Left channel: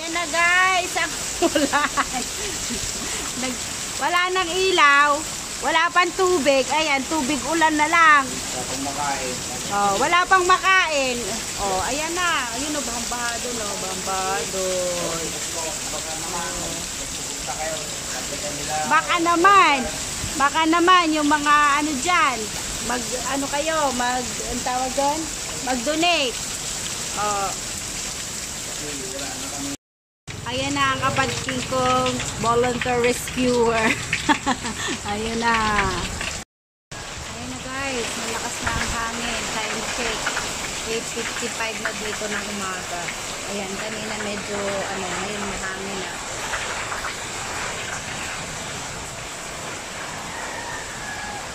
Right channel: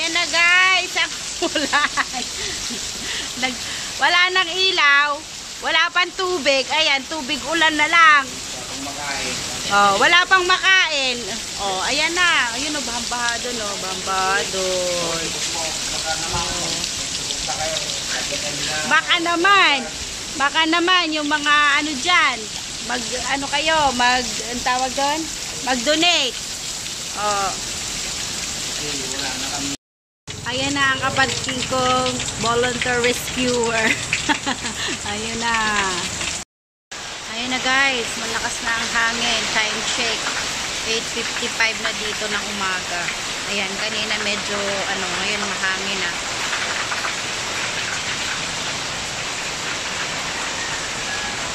Ayan na guys, ang kulay. Wala nang ilaw, wala pang tubig. Ayan, tubig ulan na lang. Oh, wala pang makain. Oh, ayan na. Ayun o, baha doon o, baha doon. Oh. Baka naman yung mga ano dyan, ang tawag doon? Mag-donate. Oh. Ayan na ang kapatid kong volunteer rescuer. Ayun na. Ayun na guys, malakas na ang hangin. Time check. 8:55 na dito ng umaga. Ayan, kanina medyo ngayon mahangin na.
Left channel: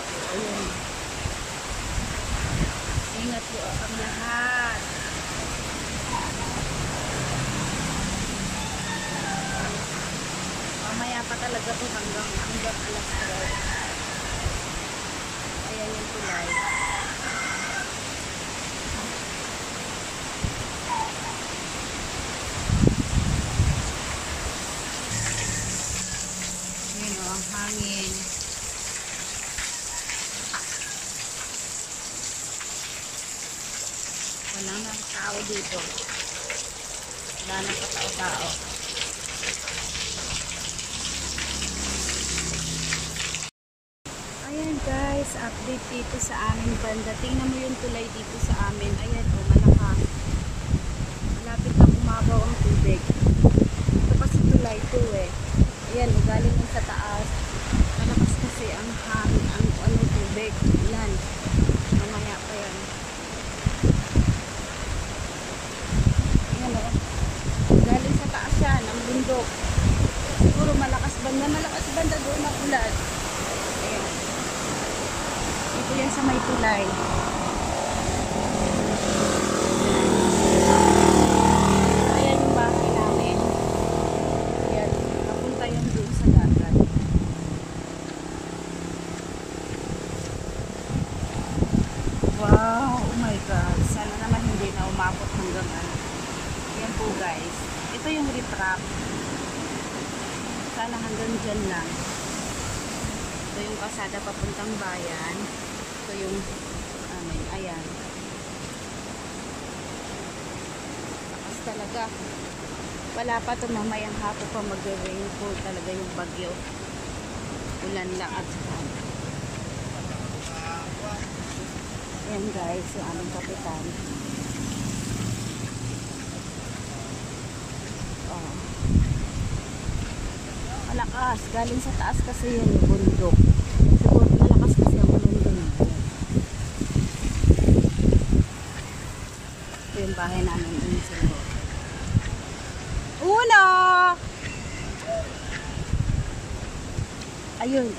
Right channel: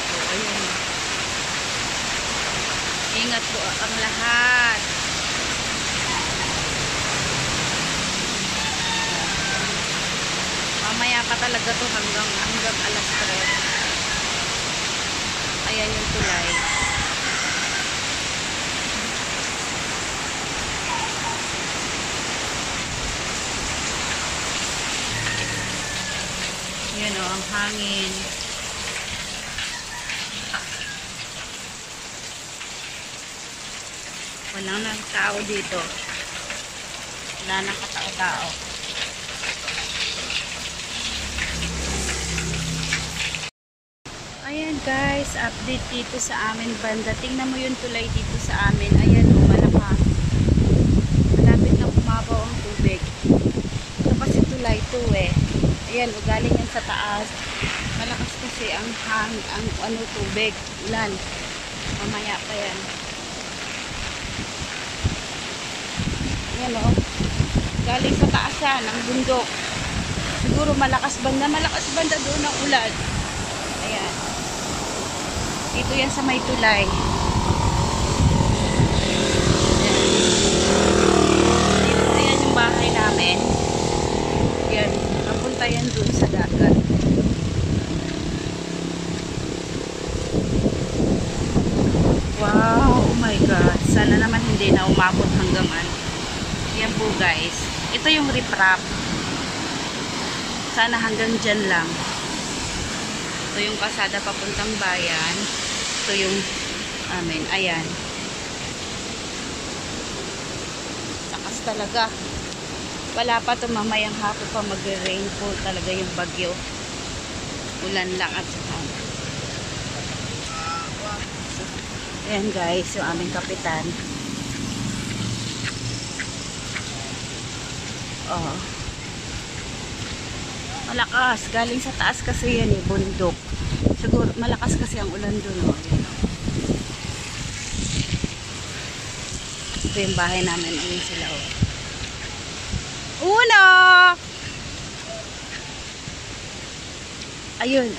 So, ayun. Ingat po ang lahat. Mamaya pa talaga to hanggang alas 3. Ayan yung tulay. Yan o, ang hangin. Walang nang tao dito. Wala nang katao-tao. Ayan guys, update dito sa amin banda. Tingnan mo yung tulay dito sa amin. Ayan o, malakas. Malapit na kumabaw ang tubig. Ito kasi tulay to eh. Ayan o, galing yan sa taas. Malakas kasi ang tubig. Ulan. Mamaya pa yan. Ayan o. Galing sa taas yan, ang bundok. Siguro malakas banda doon ang ulan. Ayan. Dito yan sa may tulay. Dito, ayan yung bahay namin. Yan, napunta yan doon sa dagat. Wow, oh my God. Sana naman hindi na umabot hanggang ano. Yan po guys. Ito yung riprap. Sana hanggang dyan lang. Ito yung kasada papuntang bayan. Ito yung amin. Ayan. Takas talaga. Wala pa ito, mamayang hapon pa mag-rainfall talaga yung bagyo. Ulan lang at saka. Ayan guys, yung aming kapitan. Oh. Malakas. Galing sa taas kasi yan yung bundok. Siguro malakas kasi ang ulan doon. Oh. Ito yung bahay namin. Ayun sila. Oh. Uno! Ayun.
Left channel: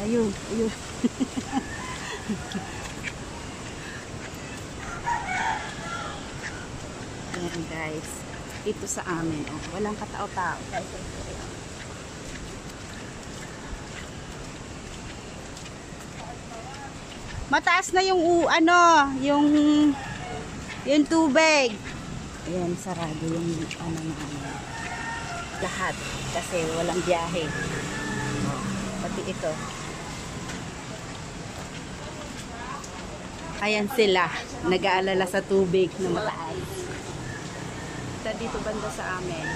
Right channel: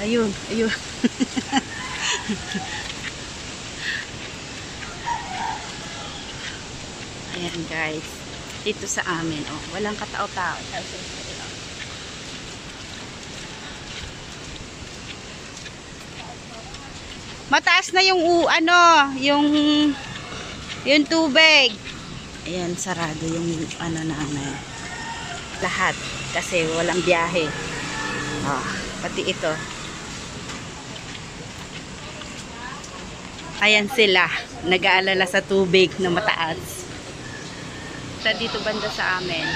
Ayan guys. Dito sa amin. Oh. Walang katao-tao. Mataas na yung yung tubig. Ayan, sarado yung namin. Lahat kasi walang biyahe. Pati ito. Ayan sila, nag-aalala sa tubig na mataas. Dito banda sa amin.